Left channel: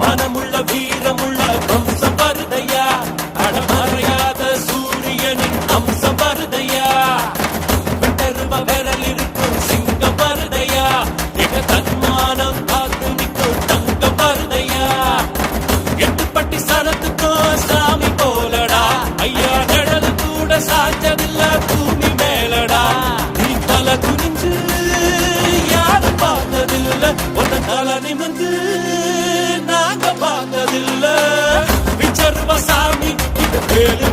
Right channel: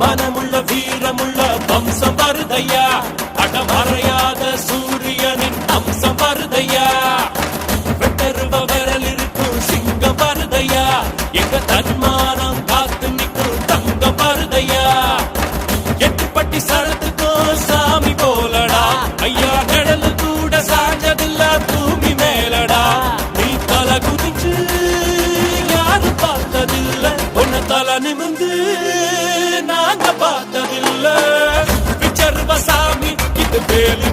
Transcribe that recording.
மனமுள்ள வீரமுள்ள வம்சம் வருதையா, அடமறையாத சூரியனின் அம்சம் வருதையா, பெரும விரல் இருக்கும் சிங்கம் வருதையா, எங்க தன்மானம் காத்து நிற்கும் தங்கம் வருதையா, எட்டுப்பட்டி சடத்துக்கும் சாமி போலடா, ஐயா நிழல் கூட சாஞ்சதில்ல பூமி மேலடா, நீ தலை குனிஞ்சு யாரும் பார்த்ததில்ல, உன்னை தலை நிமிந்து நாங்க பார்த்ததில்ல, சாமி இது பேரு